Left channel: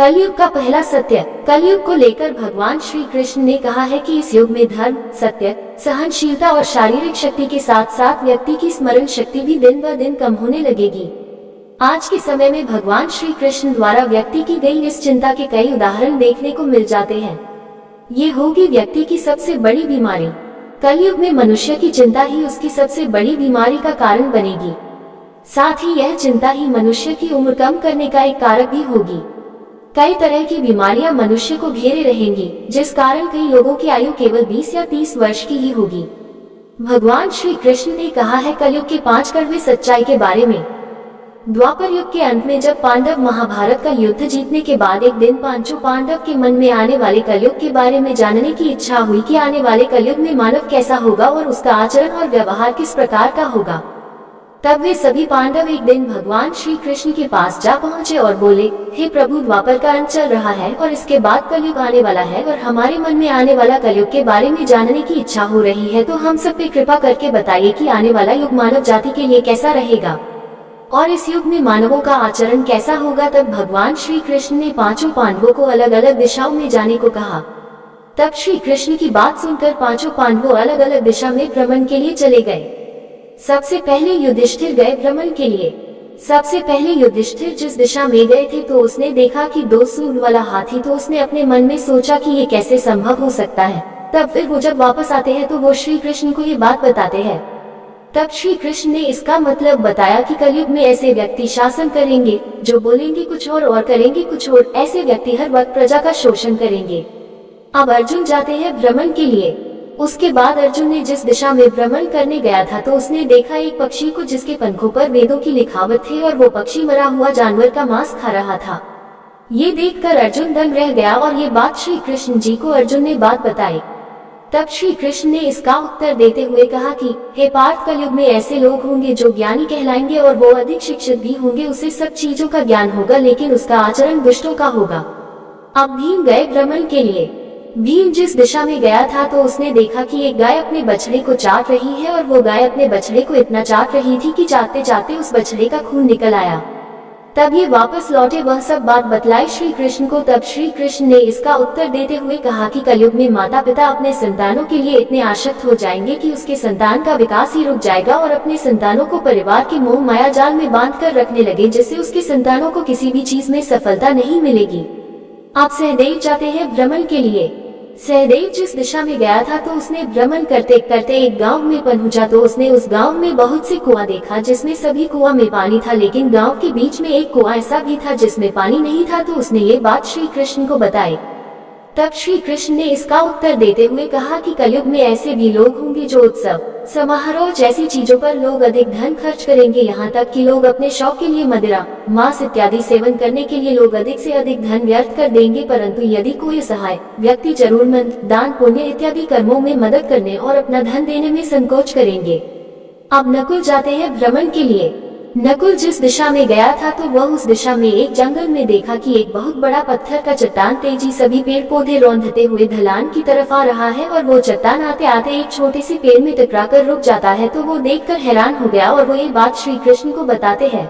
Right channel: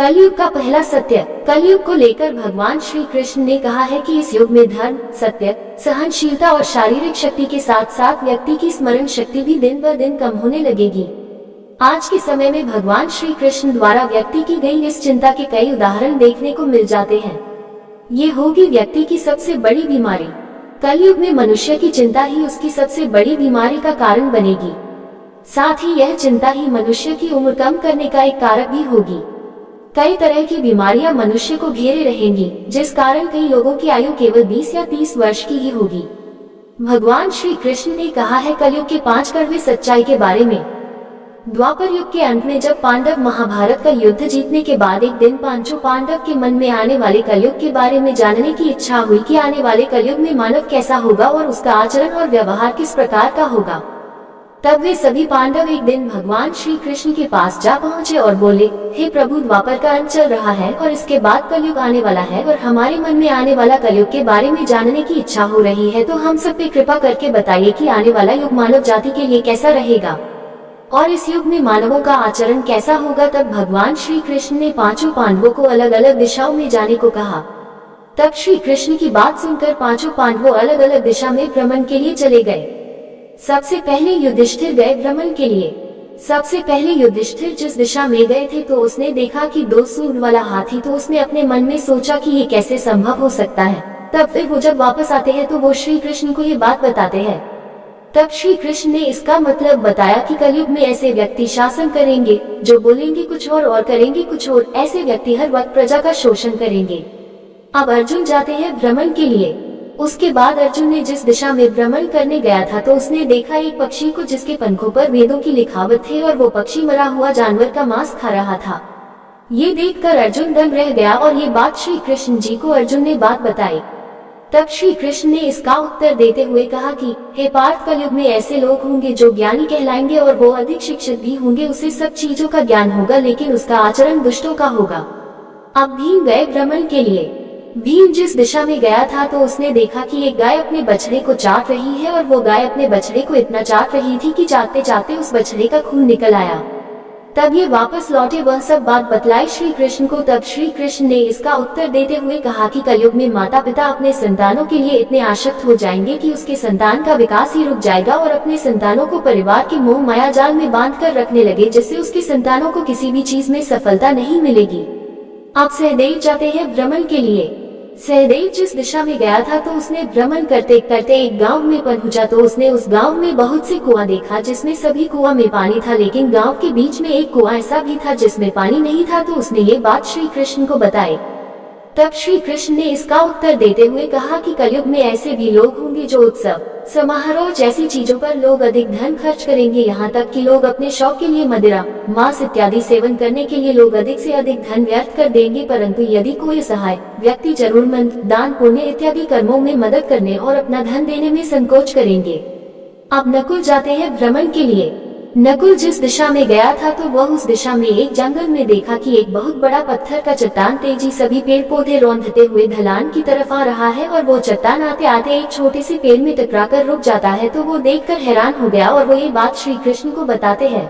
कलयुग का पहला सत्य। कलयुग को लेकर भगवान श्री कृष्ण ने कहा है कि इस युग में धर्म, सत्य, सहनशीलता और शारीरिक शक्ति के साथ साथ व्यक्ति की स्मरण शक्ति भी दिन ब दिन कम होने लगेगी। आज के समय में भगवान श्री कृष्ण द्वारा व्यक्ति की गई इस चिंता के कई उदाहरण देखने को मिल जाते हैं। ये होगी व्यक्ति की सबसे बड़ी बीमारी। कलयुग में मनुष्य की चिंता ही उसकी सबसे बड़ी बीमारी का कारण बनेगी। साथ ही यह चिंता ही मनुष्य की उम्र कम करने का एक कारक भी होगी। कई तरह की बीमारियां मनुष्य को घेरे रहेंगी, जिस कारण कई लोगों की आयु केवल 20 या 30 वर्ष की ही होगी। भगवान श्री कृष्ण ने कहा है कलयुग के 5 कड़वे सच्चाई के बारे में। द्वापर युग के अंत में जब पांडव महाभारत का युद्ध जीतने के बाद एक दिन पांचों पांडव के मन में आने वाले कलयुग के बारे में जानने की इच्छा हुई कि आने वाले कलयुग में मानव कैसा होगा और उसका आचरण और व्यवहार किस प्रकार का होगा। तब वे सभी पांडव एक दिन भगवान श्री कृष्ण के पास जा पहुँचे और बोले, हे प्रभु, द्वापर का अंत चल रहा है और इसके बाद कलयुग आने वाला है और हमारे मन में आने वाला कलयुग के बारे में जानने की इच्छा हो रही है, तो हम सब पे कृपा करके बताइए कि आने वाला युग मानव जाति के लिए कैसा रहेगा और इस युग में मानवों का आचरण कैसा होगा। तब भगवान श्री कृष्ण ने पांचों पांडवों को अलग अलग दिशाओं में जाने को कहा। तब श्री कृष्ण की बात सुनकर पांचों पांडवों अलग अलग दिशा में भ्रमण के लिए चले गए। सबसे पहले युधिष्ठिर गए भ्रमण के लिए। सबसे पहले युधिष्ठिर जिस दिशा में गए थे तो उसने देखा कि 2 सूंड वाला हाथी, तो उसने अपने मन में सोचा कि ये कैसे संभव हो सकता है। तब फिर वो जब वापस आते हैं तो वो श्री कृष्ण को ये बात बताते हैं। तब श्री कृष्ण ने इसका मतलब बताया कि कलयुग में ऐसे व्यक्ति शासन करेंगे जो बोलेंगे कुछ और करेंगे कुछ और। ऐसे व्यक्ति हर वक्त प्रजा का शोषण करेंगे। अब अर्जुन जाते हैं भ्रमण के लिए। उसके बाद अर्जुन ने जिस दिशा में भ्रमण करने गया था तो उसने देखा एक पक्षी को जिसके पंखों पर वेदों की लिखावट थे और वो पक्षी मरा हुआ जानवर का मांस खा रहा था। ये देखकर अर्जुन दंग रह गया और ये बात श्री कृष्ण जी को अर्जुन ने बात बताई। तब श्री कृष्ण ने इसका उत्तर देते हुए कहा कि हे पार्थ, कलयुग में ऐसे लोग होंगे जो ज्ञानी कहलाएंगे और वो अधिक शिक्षित भी होंगे। उसे सब चीजों का ज्ञान होगा लेकिन उसका आचरण दुष्टों का होगा। अब भीम गए भ्रमण के लिए। भीम जिस दिशा में गया था तो उसने देखा कि एक गाय अपने बछड़े को चाट रही है और वो गाय अपने बछड़े को इतना चाट रही थी कि चाटते चाटते उस बछड़े का खून निकल आया। तब ये वापस लौटे, वह सब बात बतलाई श्री कृष्ण को। तब श्री कृष्ण ने इसका उत्तर देते हुए कहा कि कलयुग में माता पिता अपने संतानों के लिए इतने आसक्त हो जाएंगे कि उसके संतान का विकास ही रुक जाएगा और अपने संतानों को परिवार के मोह माया जाल में बांध कर रखने लगे, जिससे उसके संतानों को किसी भी चीज में सफलता नहीं मिलेगी। अब सहदेव जाते हैं भ्रमण के लिए। सहदेव जिस दिशा में गया था तो उसने भ्रमण करते करते एक गांव में पहुंचा तो उसने उस गांव में बहुत से कुआं देखा जिसमें सभी कुआं में पानी था, लेकिन गांव के बीच में एक कुआं ऐसा भी था जिसमें पानी नहीं था। तो उसने ये बात श्री कृष्ण को बताई। तब श्री कृष्ण ने इसका उत्तर देते हुए कहा कि कलयुग में ऐसे भी लोग होंगे जो उत्सव, समारोह जैसी चीजों पर लोग अधिक धन खर्च करेंगे। यहाँ तक कि लोग अपने शौक के लिए मदिरा, मांस इत्यादि सेवन करने के लिए लोग अधिक से अधिक धन व्यर्थ कर देंगे, परंतु यदि कोई सहाय व्यक्ति जरूरतमंद, दान पुण्य इत्यादि कर्मों में मदद करने और अपना धन देने में संकोच करेंगे। अब नकुल जाते हैं भ्रमण के लिए। नकुल जिस दिशा में गया था तो वह उस दिशा में एक जंगल में देखा कि एक बहुत बड़ा पत्थर का चट्टान तेजी सभी पेड़ पौधे रौंदते हुए ढलान की तरफ आ रहा है और वो चट्टान आते आते एक छोटे से पेड़ में टकराकर रुक जाता है। तो वो देखकर हैरान हो गया और वो ये बात श्री कृष्ण को बताते हैं।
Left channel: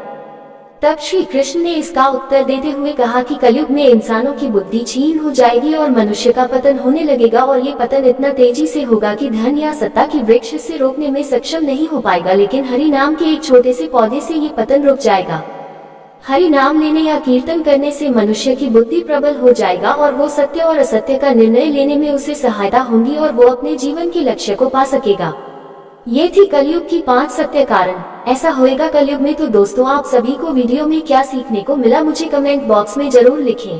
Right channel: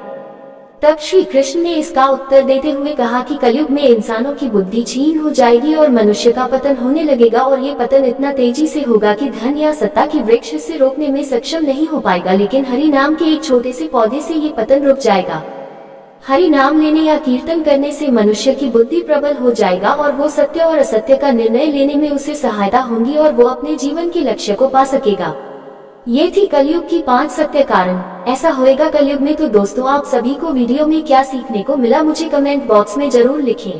तब श्री कृष्ण ने इसका उत्तर देते हुए कहा कि कलयुग में इंसानों की बुद्धि क्षीण हो जाएगी और मनुष्य का पतन होने लगेगा और ये पतन इतना तेजी से होगा कि धन या सत्ता की वृक्ष से रोकने में सक्षम नहीं हो पाएगा, लेकिन हरि नाम के एक छोटे से पौधे से ये पतन रुक जाएगा। हरि नाम लेने या कीर्तन करने से मनुष्य की बुद्धि प्रबल हो जाएगा और वो सत्य और असत्य का निर्णय लेने में उसे सहायता होगी और वो अपने जीवन के लक्ष्य को पा सकेगा। ये थी कलयुग की 5 सत्य कारण। ऐसा होएगा कलयुग में। तो दोस्तों, आप सभी को वीडियो में क्या सीखने को मिला मुझे कमेंट बॉक्स में जरूर लिखें।